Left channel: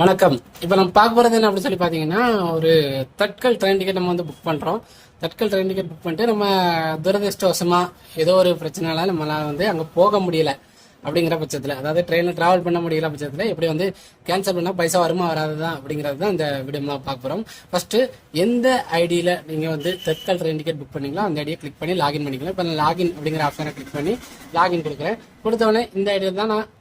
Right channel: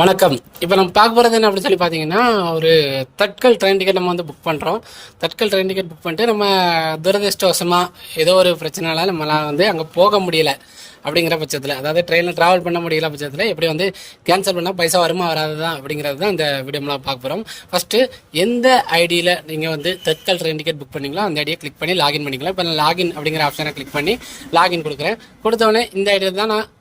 வணக்கம். இப்போ நம்ம பார்க்க போகிறது என்ன அப்படின்னு சொல்லி பார்த்தீங்கன்னா, ஒரு தட்கல் ட்ரெயின் டிக்கெட் நம்ம வந்து புக் பண்ணுறோம். தட்கல் ட்ரெயின் டிக்கெட் புக் பண்ணிட்டு நம்ம துரதிர்ஷ்டவசமாக ஏதோ ஒரு பிரச்சனைனால நம்மளால் வந்து அங்கே போக முடியல அப்படிங்கிற பட்சத்தில், அதாவது ட்ரெயினில் ட்ராவல் பண்ண முடியல பட்சத்தில் எப்படி வந்து கேன்சல் பண்ணால் பைசா வருமா வராது தான் அப்படிங்கிறது தான் இந்த வீடியோலாம் பார்க்க போகிறோம். ஃபஸ்ட்டு எந்த ஐடியில் நீங்கள் வந்து தட்கல் ட்ரெயின் டிக்கெட் புக் பண்ணீங்களோ அந்த ஐடியை கிளிக் பண்ணி லாகின் பண்ணிக்கலாம். இப்போ நான் லாகின் அப்படிங்கிற ஆப்ஷனை கிளிக் பண்ணி லாகின் கொடுக்குறேன். கொடுத்தவொடனே இந்த ஐடியில் தான் நான்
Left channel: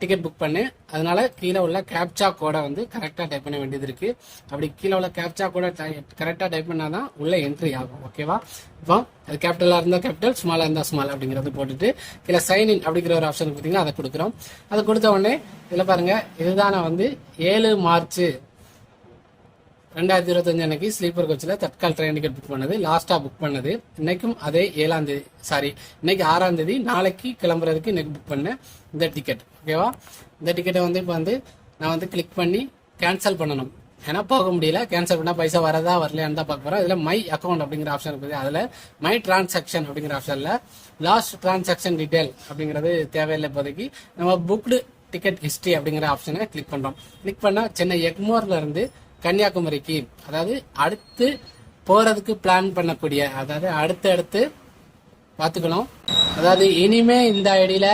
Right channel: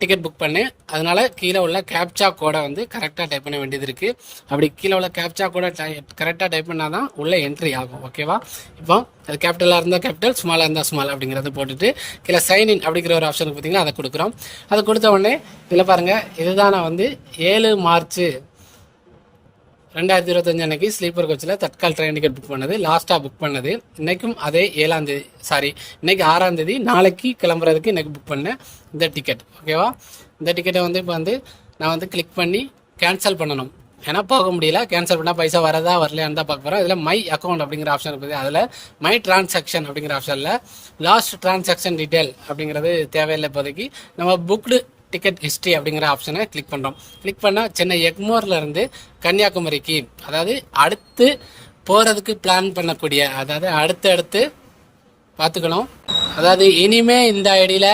டிக்கெட் புக் பண்ணேன். அதனால் கீழே உள்ள கேப்சா கோடை வந்து கரெக்டாக டைப் பண்ண வேண்டியது இருக்குது. அப்படி கீழே உள்ள கேப்சா கோடை கரெக்டாக டைப் பண்ணால் தான் உள்ளே என்ட்ரி ஆகும். ஓகேவா? இப்போ அது கேபிட்டலாக இருந்தால் கேபிட்டல், ஸ்மாலாக இருந்தால் ஸ்மால் அப்படிங்கிறத போட்டுட்டு கீழே சைன்இன் அப்படிங்கிற ஒரு ஆப்ஷனுக்கு பார்த்தீங்கன்னா அதை கொடுக்குறோம். அதை கொடுத்த உடனே இதில் பாருங்கள், இதுதான் நான் வந்து 7 மார்ச் 2025 அன்னைக்கு ஸ்லீப்பர் கோச்சில் தட்கால் ட்ரெயின் டிக்கெட் புக் பண்ணது, லாஸ்ட்டாக புக் பண்ணது. இன்றைக்கும் அதே 7ஆம் தேதி, இன்னைக்கு 6ஆம் தேதி, நாளைக்கு கிளம்புறதுக்கு இன்றைக்கி புக் பண்ணேன் இந்த டிக்கெட். ஓகேவா? இந்த டிக்கெட்டை வந்து இப்போ வந்து நான் வந்து கிளிக் பண்ணி கேன்சல் பண்ணணும். ஏன்னா போக முடியல, கேன்சல் பண்ணால் பைசா வரதா வரலையான்னு தான் பார்க்க போகிறோம். இதில் மை அக்கௌண்ட் அப்படிங்கிற ஆப்ஷன் இருக்குது. அதில் மை டிரான்சாக்ஷன் அப்படிங்கிற ஆப்ஷனில் லாஸ்ட் டிரான்சாக்ஷன் டீட்டெயில் அப்படிங்கிறது தேவையில்லை. இப்போதைக்கு நம்ம புக்டு டிக்கெட் ஹிஸ்ட்ரி அப்படிங்கிற ஆப்ஷனை கிளிக் பண்ணுறோம். கிளிக் பண்ணால் சென்னை எக்மோர்லேருந்து கன்னியாகுமரிக்கு, அதாவது அடுத்து போகிறதுக்கு பிளான் பண்ணக்கூடிய, அதாவது அடுத்து பார்த்துக்கணும். அதாவது இனிமே இந்த ஐடியில்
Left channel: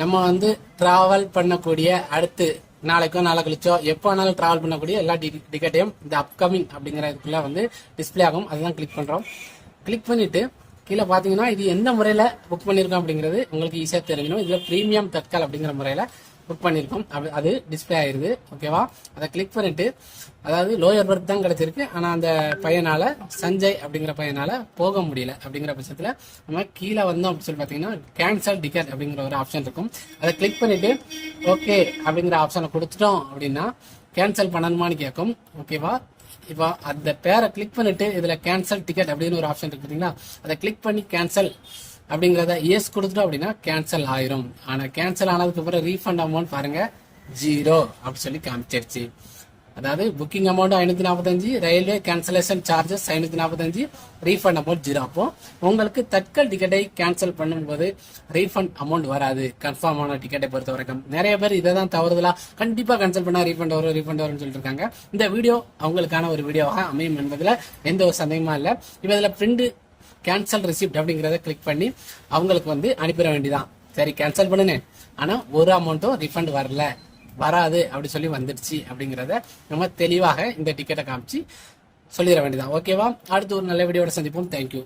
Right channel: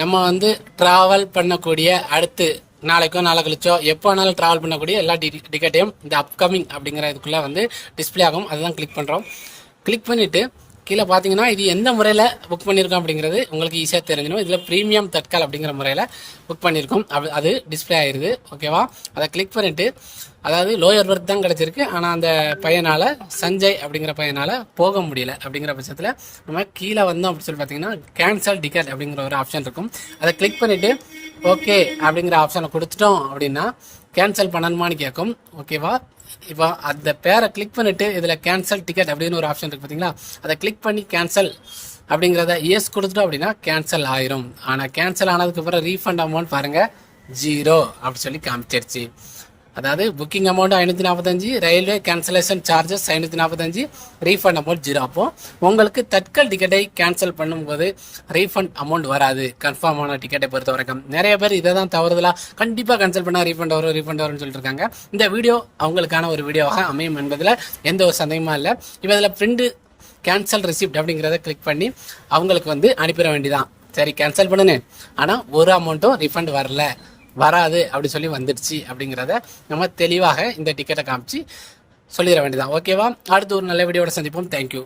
நம்ம வந்து ட்ராவல் பண்ணக்கூடிய, அடுத்து நாளைக்கோ நாளை கழிச்சோ எப்போ வேணாலும் ட்ராவல் பண்ணக்கூடிய எல்லா டிக்கெட்டையும் இந்த அப்கமிங் அப்படிங்கிற இதுக்குள்ளே வந்து டிஸ்பிளே ஆகும். அதுதான் கிளிக் பண்ணுறோம். கிளிக் பண்ணிவிட்டு கீழே பார்த்தீங்கன்னா இது எந்த முறையில் புக் பண்ணியிருக்கோம் அப்படிங்கிறது உங்களுக்கு ஈஸியாக தெரிஞ்சிடும். இதில் ப்ரீமியம் தட்கால் அப்படிங்கிற முறையில் புக் பண்ணியிருக்கோம். அது டிஸ்பிளே ஆயிடுது. ஓகேவா? அதை கிளிக் பண்ணிவிட்டு, அதாவது லோயர் பர்த் தான் கிடச்சிருக்கு, ஆனால் அந்த பையனால், சஞ்சய் அப்படிங்கிற பையனால் போக முடியல அப்படிங்கிற பட்சத்தில் நம்ம கீழே வந்தோம் அப்படின்னு சொல்லி பார்த்தீங்கன்னா கேன்சல் டிக்கெட் அப்படிங்கிற ஒரு ஆப்ஷன் இருக்கும். அதை கிளிக் பண்ணிவிட்டு ஓகே அப்படிங்கிற ஆப்ஷனை கொடுத்துட்டோம் அப்படின்னா கேன்சல் பண்ணணுமான்னு கேட்கும். ஓகேவா? இப்போ அந்த பேரை கிளிக் பண்ணிவிட்டு இதில் கேன்சல் டிக்கெட் அப்படின்னு ஒரு ஆப்ஷன் இருக்குது பார்த்தீங்களா, அதை கிளிக் பண்ணி கேன்சல் அப்படிங்கிறத எஸ் கொடுத்துட்டோம் அப்படின்னா கேன்சல் ஆயிரும். ஆனால் கேன்சல் ஆனதுக்கப்புறம் ரீஃபண்ட் அமௌண்ட் பாருங்கள் 0 அப்படி சொல்லி காமிச்சிருச்சு. அதாவது booking amount 545, railway cancellation charges 545, refund amount 0. அப்போ உங்களுக்கு தட்கல் டிக்கெட்டை கேன்சல் பண்ணும்போது ரீஃபண்ட் அமௌண்ட் வராது. கன்ஃபார்ம் ஆன டிக்கெட்டை பொறுத்த வரைக்கும் நிறைய பேர் இதை தான் தவறுதலாக கண்டிப்பாக கேன்சல் பண்ணால் ரீஃபண்ட் வரும்னு சொல்லிட்டு இருக்காங்க. இந்த வீடியோ அவங்களுக்கான ஒரு வீடியோவாக அமையும் என்பதில் எந்த ஒரு சந்தேகமும் இல்லை. இப்போ இதில் பிரிண்ட் கேன்சல் ரிசிப்ட் அப்படிங்கிறத கிளிக் பண்ணி அவங்களுக்கு வந்து அனுப்பிட வேண்டியதான். சரி, கேன்சல் பண்ணுனேன், ஆனால் ஒரு அமௌண்ட்டும் ரீஃபண்ட் வராது அப்படி சொல்லி வந்துடுச்சு அப்படிங்கிறத நம்ம தெளிவாக இந்த டிக்கெட்டை காமிச்சு சொல்லிட வேண்டியதான். ஓகேவா? அடுத்து ஒரு நல்ல வீடியோட சந்திப்போம். தேங்க்யூ.